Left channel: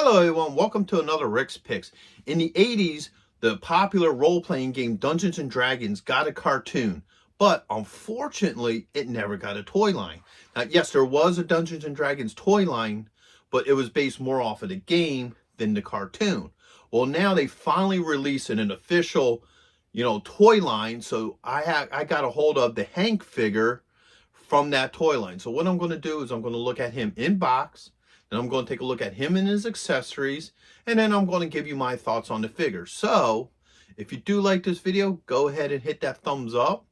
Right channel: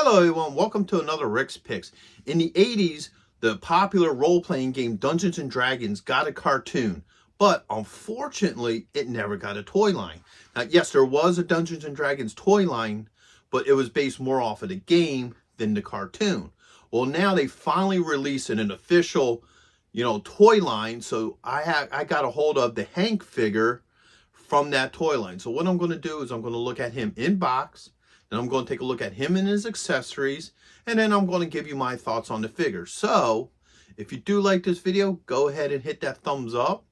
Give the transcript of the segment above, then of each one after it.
Hello everyone, welcome to another Rick's Picks. In the 80s, the popular role-playing game Dungeons & Dragons got a cartoon, but unfortunately, it never got a toy line. Now, yes, there was a Dungeons & Dragons toy line, but it was based more off of the game than the cartoon. Well, now they finally released an official, toy line, so I got a hold of the Hank figure from that toy line. So what I'm going to do is I'm going to look at him in box, and I'm going to take a look at him and his accessories, and then I'm going to give you my thoughts on the figure. So, if you do like this video, go ahead and hit that thumbs up.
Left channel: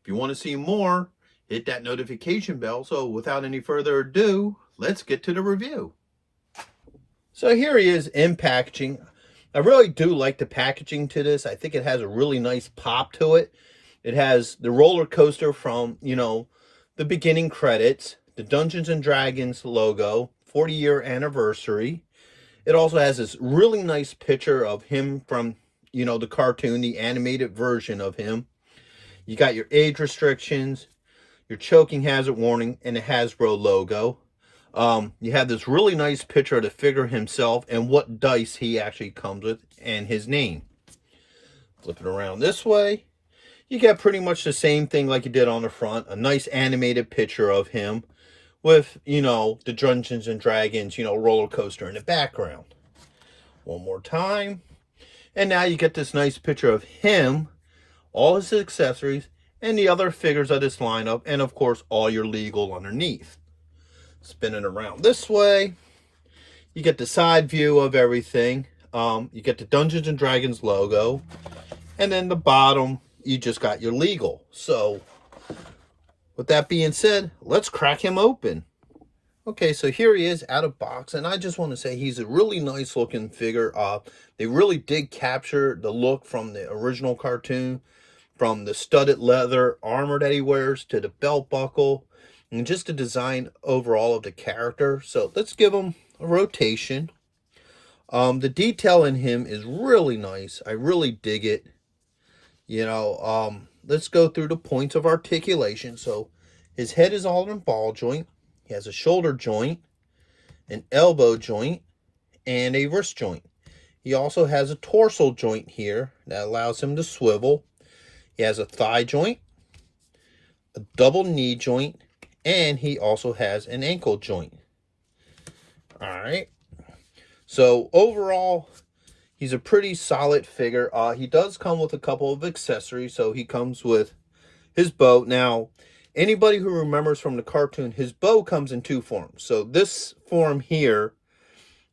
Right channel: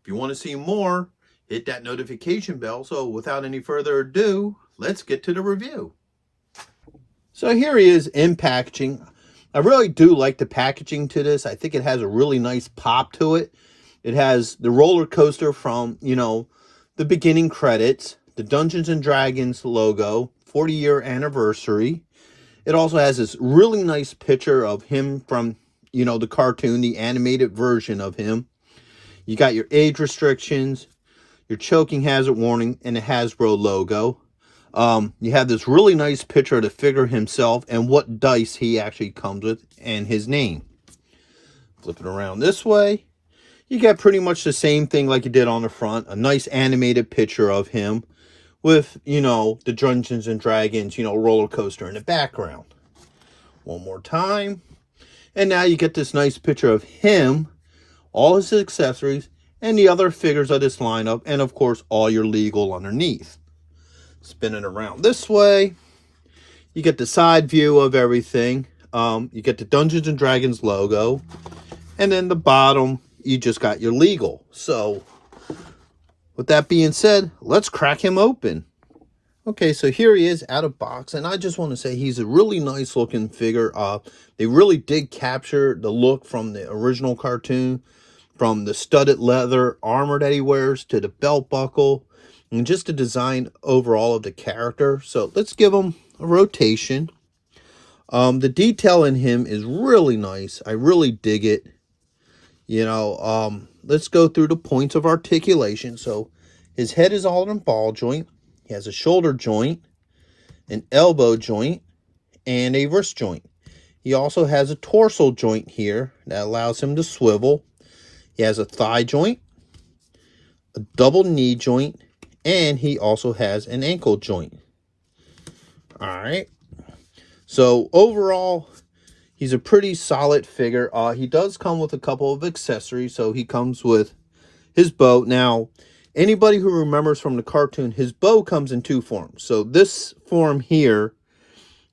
If you want to see more, hit that notification bell. So, without any further ado, let's get to the review. So, here he is in packaging. I really do like the packaging to this. I think it has a really nice pop to it. It has the roller coaster from, the beginning credits, the Dungeons & Dragons logo, 40-year anniversary. It also has this really nice picture of him from, the cartoon, the animated version of him. You got your age restrictions, your choking hazard warning, and the Hasbro logo. You have this really nice picture of the figure himself and what dice he actually comes with and his name. Flip it around this way. You get pretty much the same thing like you did on the front. A nice animated picture of him with, the Dungeons & Dragons, roller coaster in the background. One more time. And now you get this nice picture of him, all his accessories, and the other figures of this lineup, and of course, all your legal underneath. Spin it around this way. You get the side view of everything. You get the Dungeons & Dragons logo. And then the bottom, you just got your legal. So, with that being said, let's crack him open. Okay, so here he is out of box, and I just want to say he's a really nice looking figure. They really did capture the look from the original cartoon, from the studded leather armor that he wears to the belt buckle, and just the design overall of the character. So let's give him a rotation. The detail in him is really nice. I really dig it. Let's go through the points of articulation. So his head is all in a ball joint. He has a shoulder joint, an elbow joint, and a wrist joint. He also has a torso joint here that allows him to swivel. He has a thigh joint, a double knee joint, and he also has an ankle joint. All right. So overall, he's a pretty solid figure. He does come with a couple of accessories. So he comes with his bow. Now, anybody who remembers from the cartoon, his bow comes in two forms. So this form here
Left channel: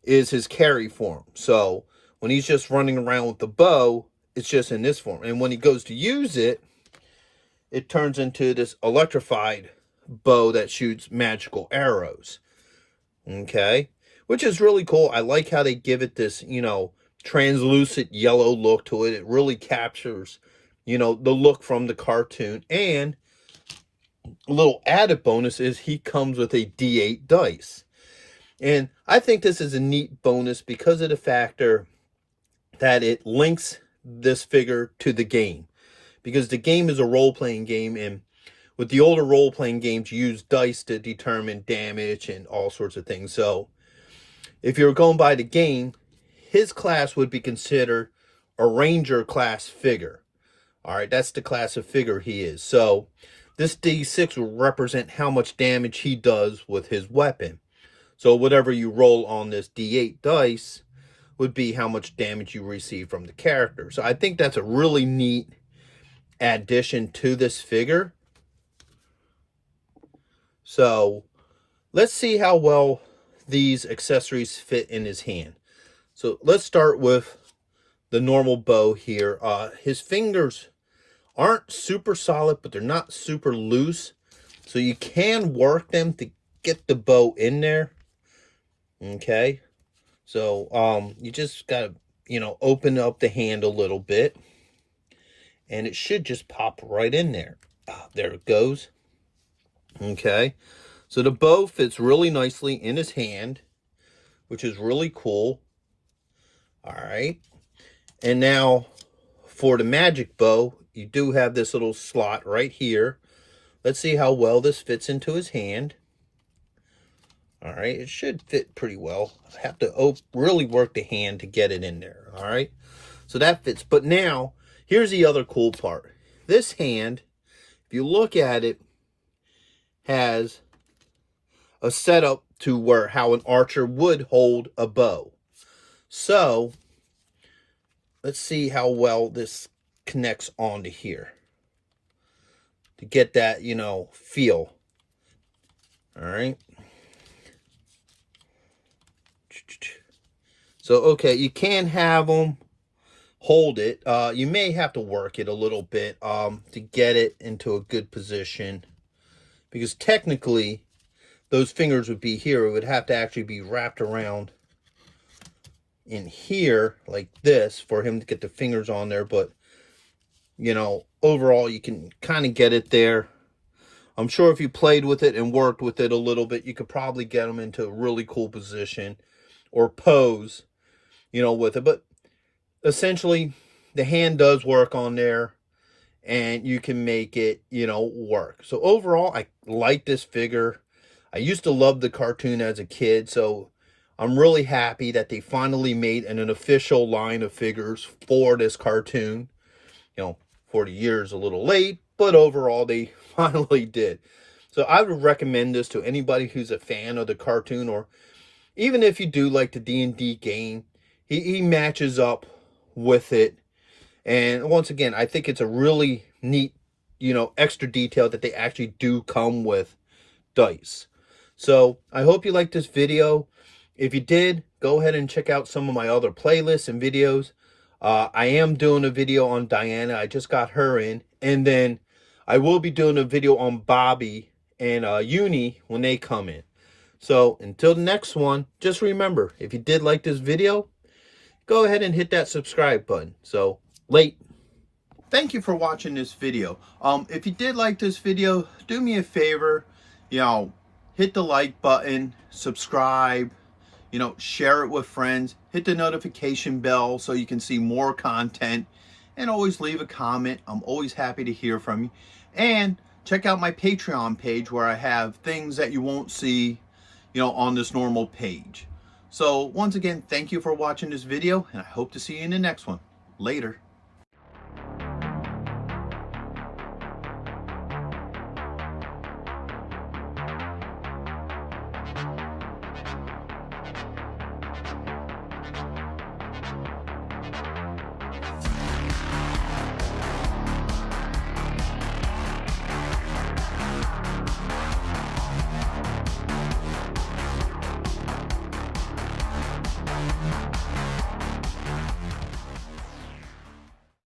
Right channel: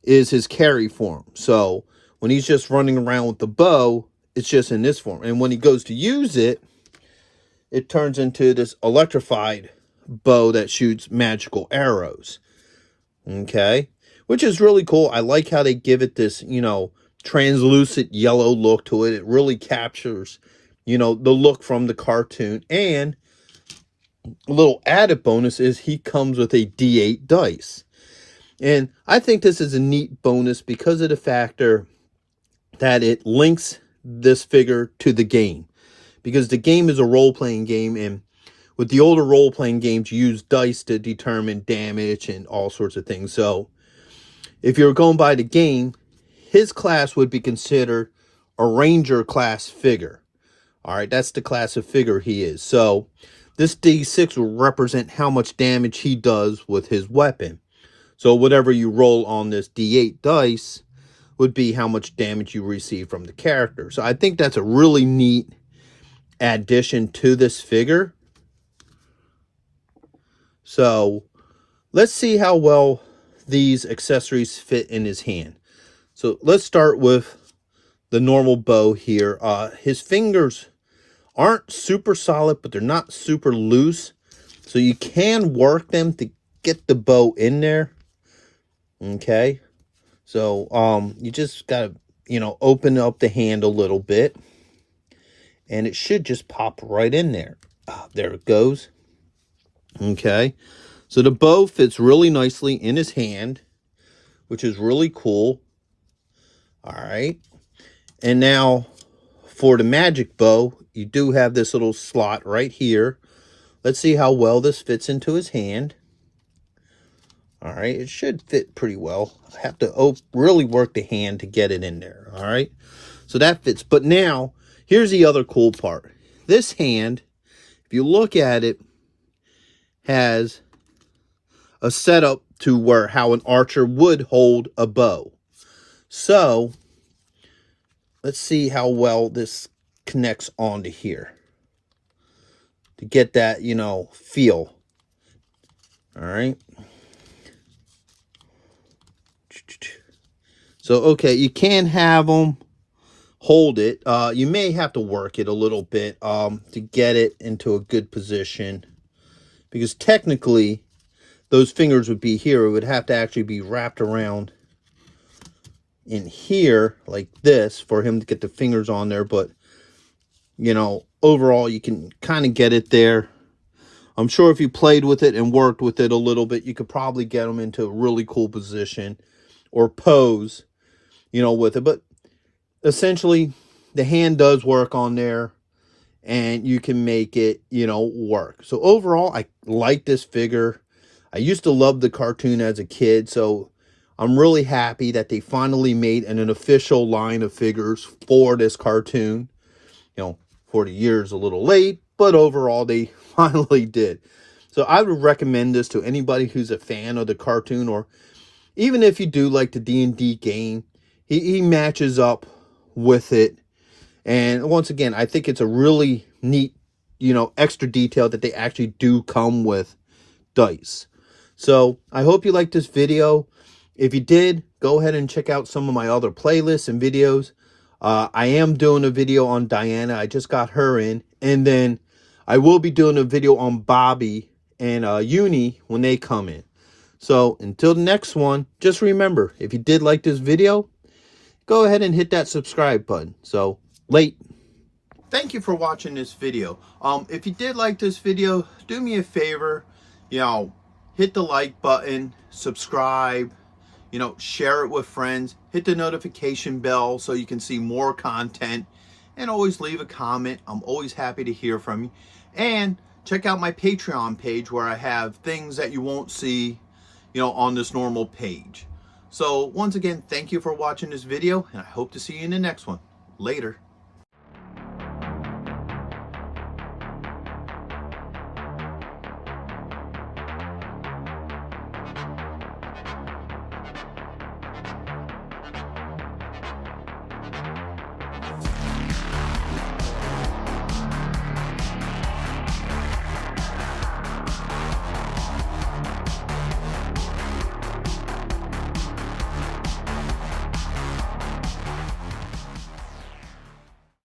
is his carry form. So when he's just running around with the bow, it's just in this form. And when he goes to use it, it turns into this electrified bow that shoots magical arrows. Okay? Which is really cool. I like how they give it this, translucent yellow look to it. It really captures, the look from the cartoon. And a little added bonus is he comes with a D8 dice. And I think this is a neat bonus because of the factor that it links this figure to the game. Because the game is a role-playing game, and with the older role-playing games, you use dice to determine damage and all sorts of things. So if you're going by the game, his class would be considered a ranger class figure. All right, that's the class of figure he is. So this D6 will represent how much damage he does with his weapon. So whatever you roll on this D8 dice would be how much damage you receive from the character. So I think that's a really neat addition to this figure. So let's see how well these accessories fit in his hand. So let's start with the normal bow here. His fingers aren't super solid, but they're not super loose. So you can work them to get the bow in there. Okay. So you just gotta, open up the hand a little bit. And it should just pop right in there. There it goes. Okay. So the bow fits really nicely in his hand, which is really cool. All right. And now for the magic bow, you do have this little slot right here. Let's see how well this fits into his hand. All right, it should fit pretty well. I have to really work the hand to get it in there. All right, so that fits. But now, here's the other cool part. This hand, if you look at it, has a setup to where how an archer would hold a bow. So, let's see how well this connects onto here to get that, you know, feel. All right. So, okay, you can have them hold it. You may have to work it a little bit to get it into a good position, because technically those fingers would be here. It would have to actually be wrapped around in here like this for him to get the fingers on there. But, you know, overall you can kind of get it there. I'm sure if you played with it and worked with it a little bit, you could probably get them into a really cool position or pose, you know, with it. But essentially, the hand does work on there, and you can make it, you know, work. So overall, I like this figure. I used to love the cartoon as a kid, so I'm really happy that they finally made an official line of figures for this cartoon. You know, 40 years a little late, but overall they finally did. So I would recommend this to anybody who's a fan of the cartoon, or even if you do like the D&D game. He matches up with it. And once again, I think it's a really neat, you know, extra detail that they actually do come with dice. So I hope you liked this video. If you did, go ahead and check out some of my other playlists and videos. I am doing a video on Diana. I just got her in. And then I will be doing a video on Bobby and Uni when they come in. So until the next one, just remember, if you did like this video, go ahead and hit that subscribe button. So, late. Thank you for watching this video. If you did like this video, do me a favor, you know, hit the like button, subscribe, you know, share it with friends, hit the notification bell so you can see more content, and always leave a comment. I'm always happy to hear from you. And check out my Patreon page where I have things that you won't see, you know, on this normal page. So once again, thank you for watching this video, and I hope to see you in the next one. Later.